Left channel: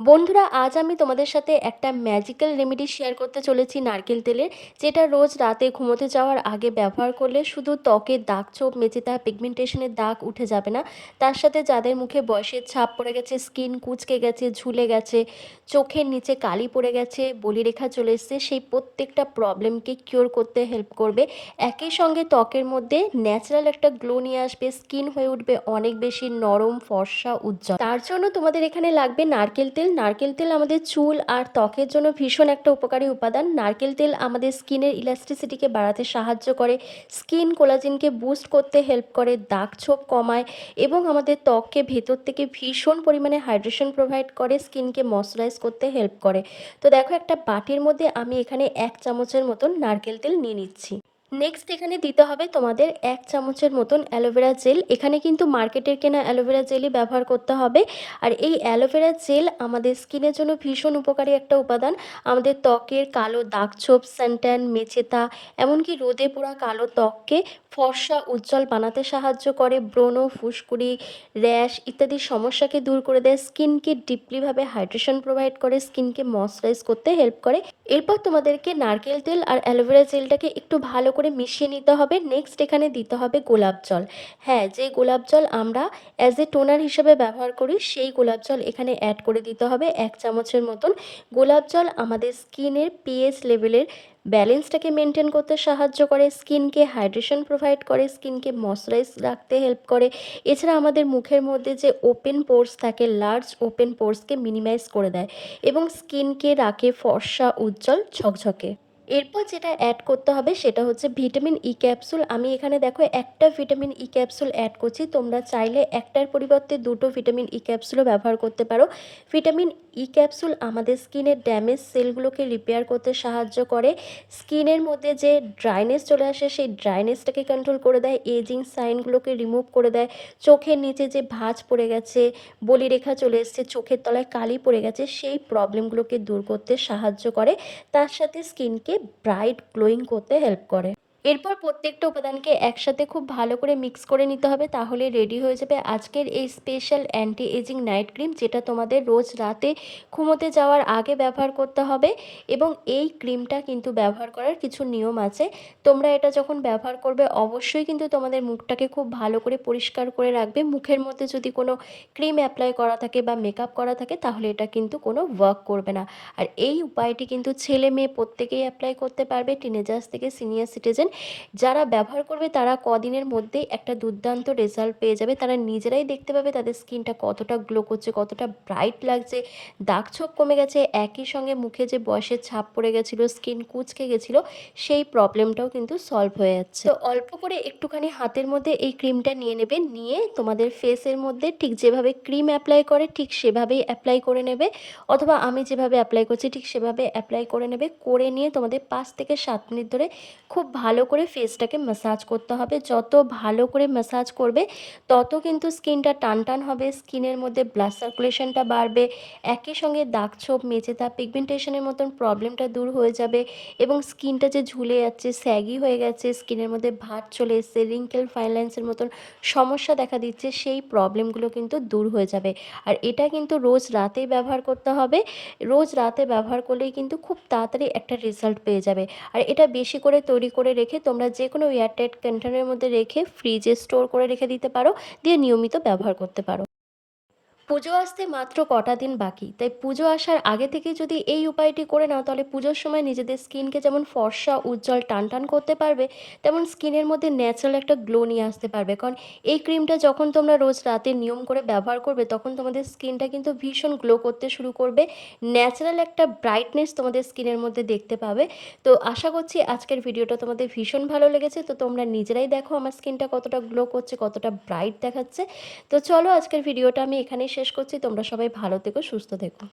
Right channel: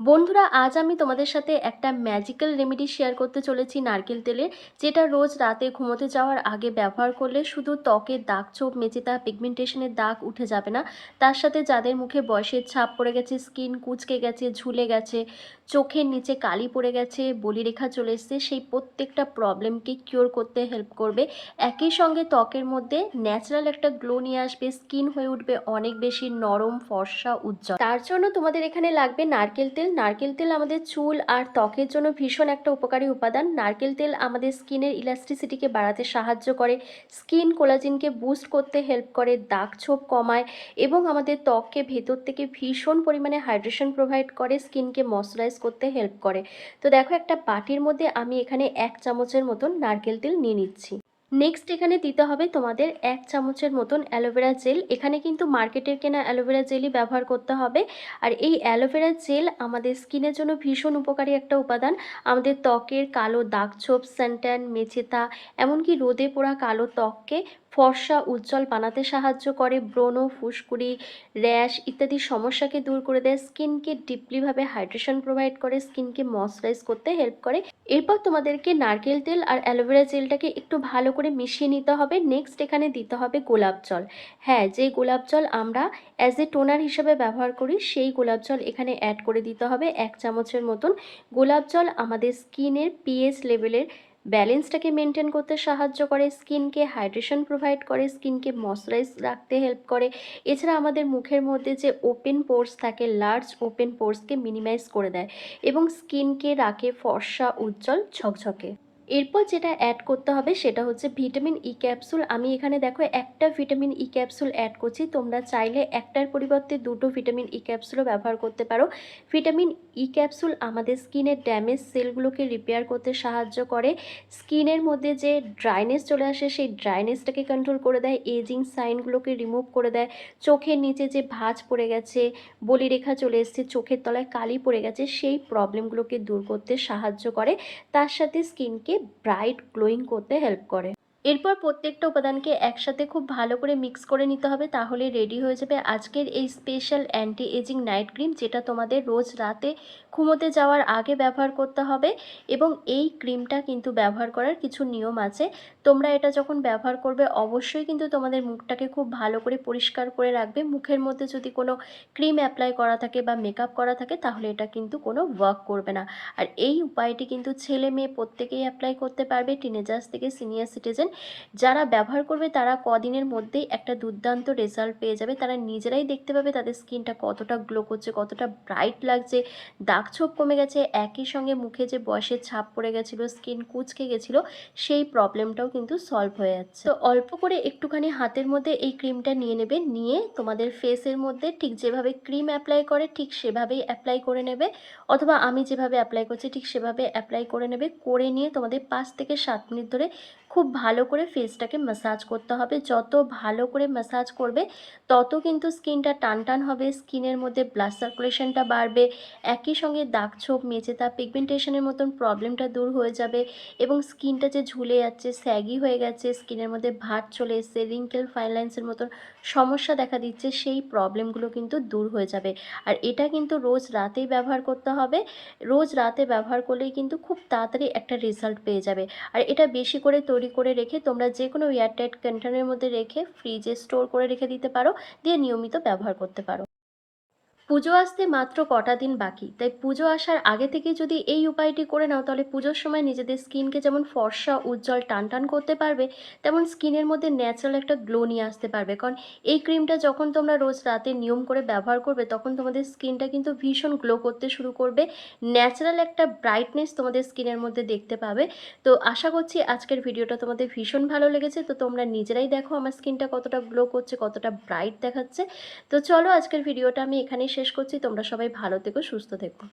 বন্ধুরা, আজ আমি তোমাদের সাথে একটা ম্যাজিক্যাল রেমেডি শেয়ার করতে চলেছি নারকেল তেলের যেটা রোজ রাতে ঘুমোতে যাওয়ার আগে ব্যবহার করলে শুধু ত্বকের দাগ ছোপ মেচেতা পিগমেন্টেশনের দাগ উঠে যাবে না। তার সাথে যাদের মুখে বয়সের ছাপ পড়ে গেছে স্কিন কুচকে গেছে, ঝুলে গেছে, চোখের নিচে কালি পড়ে গেছে, বলিরেখা চলে এসছে, সেই প্রত্যেকটা প্রবলেমকে কিওর করতে হেল্প করবে। একই সঙ্গে ত্বকের মধ্যে ন্যাচারাল একটা গ্লো নিয়ে আসবে স্কিন হয়ে উঠবে অনেক বেশি নরম, ফর্সা, উজ্জ্বল। তার জন্য তোমাদের এখানে লাগবে নারকেল তেল নারকেল তেল আমাদের চুল আর ত্বকের জন্য ভীষণ একটা উপকারী উপাদান। নারকেল তেল আমাদের স্কিনের ইলাস্ট্রিসিটিকে বাড়াতে সাহায্য করে, স্কিন কোলাজিনকে বুস্ট করতে হেল্প করে, দাগ ছোপ কমায় এবং আমাদের ত্বককে ভেতর থেকে ভীষণ পরিমাণে হাইড্রেশন প্রোভাইড করে, স্কিনকে ময়শ্চারাইজ করতে হেল্প করে। তো দেখো একটা বাটির মধ্যে আমি এখানে এক চামচের মতন নারকেল তেল নিয়ে নিচ্ছি। নেক্সট এখানে দিতে হবে তোমাদের এক চামচের মতন অ্যালোভেরা জেল। এখানে কিন্তু মার্কেটের কেনা অ্যালোভেরা জেলই ব্যবহার করতে হবে। আর এই অ্যালোভেরা জেল আমাদের স্কিনের জন্য ভীষণ উপকারী একটা উপাদান। আমাদের ত্বকের কালো দাগ ছোপ স্যান্ট্যান মেচেতা, এমনকি রোদে পোড়া কালো ত্বককে ফর্সা, উজ্জ্বল বানাতে সাহায্য করে। ব্রণ, ফুসকুড়ি, র্যাশ ইত্যাদি সমস্যাকে দূর করে দেয়। স্কিনকে ডিপলিভাবে হাইড্রেশন প্রোভাইড করে। স্কিনকে ময়শ্চারাইজ করতে হেল্প করে। এরপর তোমাদেরকে নারকেল তেল আর অ্যালোভেরা জেলটাকে একটু ভালো করে মিশিয়ে নিতে হবে। নেক্সট এখানে দিতে হবে গোলাপ জল। হ্যাঁ যে গোলাপ জল আমরা অ্যাজ এ টোনার হিসেবে ব্যবহার করি, সেই গোলাপ জল এখানে অ্যাড করে দিতে হবে। এক চামচের মতন। গোলাপ জল আমাদের স্কিনের পিএইচ লেভেলের ব্যালেন্সটাকে মেনটেন করতে সাহায্য করে। স্কিনকে হাইড্রেশন প্রোভাইড করে স্কিনকে ময়শ্চারাইজ রাখতে হেল্প করে। এছাড়া আমাদের মুখের মধ্যে যে ওপেন পোর্স থাকে লার্জ ওপেন পোর্সকে মিনিমাইজ করে দেয় এবং স্কিনকে রাখে ফর্সা, উজ্জ্বল, ঝকঝকে। এরপর যেটা অ্যাড করতে হবে সেটা হচ্ছে ভিটামিন ই ক্যাপসুল আমি এখানে দেখো একটা ভিটামিন ই ক্যাপসুল অ্যাড করছি, তোমরা চাইলে একটার পরিবর্তে দুটো ভিটামিন ই ক্যাপসুলও ব্যবহার করতে পারো। ভিটামিন ই ক্যাপসুল আমাদের স্কিনের ড্যামেজ সেলগুলোকে রিপেয়ার করতে সাহায্য করে। স্কিনের মধ্যে যে ড্রাইনেস চলে আসে, সেই ড্রাইনেসটাকে কন্ট্রোল করে দেয় এজিং সাইনগুলোকে রিমুভ করে দেয়। চোখের নিচে যে ভাঁজ পড়ে গেছে, বলিরেখা চলে এসছে, চোখের তলায় কালি পড়ে গেছে, সেই প্রবলেমগুলোকে দূর করতে সাহায্য করে। তার সাথে স্কিনকে ব্রাইট গ্লোয়িং করতে হেল্প করে। এরপর প্রত্যেকটা উপাদানকে একসাথে খুব ভালো করে মিক্স করে নিতে হবে, তাহলে রেডি হয়ে যাবে আজকের এই special anti ageing night cream যেটা তোমাদের রোজ রাতে ঘুমোতে যাওয়ার আগে ব্যবহার করতে হবে এবং এই ক্রিমটা কিন্তু ব্যবহার করার কিছু নিয়ম আছে। তোমরা এটা যখন ব্যবহার করবে, অবশ্যই কিন্তু তোমাদের মুখটাকে খুব ভালো করে পরিষ্কার করে রাখবে। মুখের মধ্যে যদি কোনো ক্রিম অ্যাপ্লাই করা থাকে বা মেকআপ করা থাকে, তাহলে এটা কিন্তু কোনো ওয়ার্ক করবে না। আর এই উপায়টি কিন্তু ছেলে মেয়ে প্রত্যেকেই অ্যাপ্লাই করতে পারবে টিনেজার্স থেকে সিনিয়র সিটিজেন যারা ব্যবহার করবে তারা কদিনের মধ্যেই একটা দুর্দান্ত রেজাল্ট পেয়ে যাবে। তারা নিজেরাই দেখতে পাবে তাদের স্কিনটা কতটা গ্লো করছে, কতটা ব্রাইট লাগছে। দাগ ছোপ কমে গেছে, একই সঙ্গে মুখে যে বয়সের ছাপ পড়ে গেছিল স্কিন কুচকে গেছিল, সেই প্রবলেমটাও কিন্তু সলভ হয়ে যাচ্ছে। তো অল্প করে একটুখানি হাতের মধ্যে এই ক্রিমটা নিয়ে নেবে, নিয়ে তোমাদের ফেসের মধ্যে ঠিক যেভাবে ক্রিম অ্যাপ্লাই করে, ঠিক সেভাবেই অ্যাপ্লাই করে নেবে। অথবা আমি যেভাবে অ্যাপ্লাই করছি, ঠিক সেভাবে অ্যাপ্লাই করে নেবে। করে নিয়ে তোমাদের পাঁচ থেকে সাত মিনিট ধরে খুব ভালো করে ফেসটাকে ম্যাসাজ করতে হবে। যত ভালো করে ম্যাসাজ করবে, তত কিন্তু স্কিনটা টান টান হবে স্কিনের মধ্যে ব্লাড সার্কুলেশনটা বাড়বে, একই সঙ্গে দাগ ছোপ মেচেতা পিগমেন্টেশনের মতন প্রবলেমটা দূর হয়ে যাবে এবং স্কিনটা যে ঝুলে যাচ্ছে স্যাগি হয়ে গেছে স্কিনের মধ্যে ভাত চলে এসছে রিঙ্কেল ফাইলাইন্সের মতন সমস্যা দেখা দিচ্ছে, সেই প্রবলেমগুলো কিন্তু দূর হয়ে যাবে। আর এটা কিন্তু রোজ রাতেই ব্যবহার করতে হবে। রোজ রাতে ব্যবহার করলেই কিন্তু খুব তাড়াতাড়ি একটা রেজাল্ট পেয়ে যাবে। আর এটা বেশি করে তৈরি করে রেখে তোমরা যে কোনো এয়ারটাইট কন্টেনারের মধ্যে রেখে ফ্রিজে স্টোর করে রেখে দিতে পারো, দিয়ে নিয়মিত ব্যবহার করতে পারো। পুজো আসতে মাত্র কটা দিন বাকি। তাই পুজো আসার আগে থেকে যদি এই উপায়টি করে নাও, তাহলে পুজোর সময় নিজেদের স্কিনকে যেমন ফর্সা, উজ্জ্বল টান টান করতে পারবে, তেমন স্কিনের মধ্যে ন্যাচারাল একটা গ্লো নিয়ে আসতে পারবে। কারণ এই ক্রিমটা যখন তোমরা রোজ রাতে নিয়ম করে ব্যবহার করবে, তখন তোমাদের স্কিনটা কিন্তু ভীষণ গ্লো করতে শুরু করবে ন্যাচারাল একটা ব্রাইটনেস তোমাদের স্কিনের মধ্যে দেখতে পাবে। তো আশা করছি আজকের ভিডিওটা তোমাদের ভীষণ ভালো লেগেছে। তো তোমরা নিজেরাই দেখো আমার স্কিনটা কতটা গ্লো করছে, কতটা ব্রাইট দেখাচ্ছে। তো চলো আজকের ভিডিওটা আমি এখানেই শেষ করছি। তোমরা সবাই ভালো থেকো সুস্থ থেকো।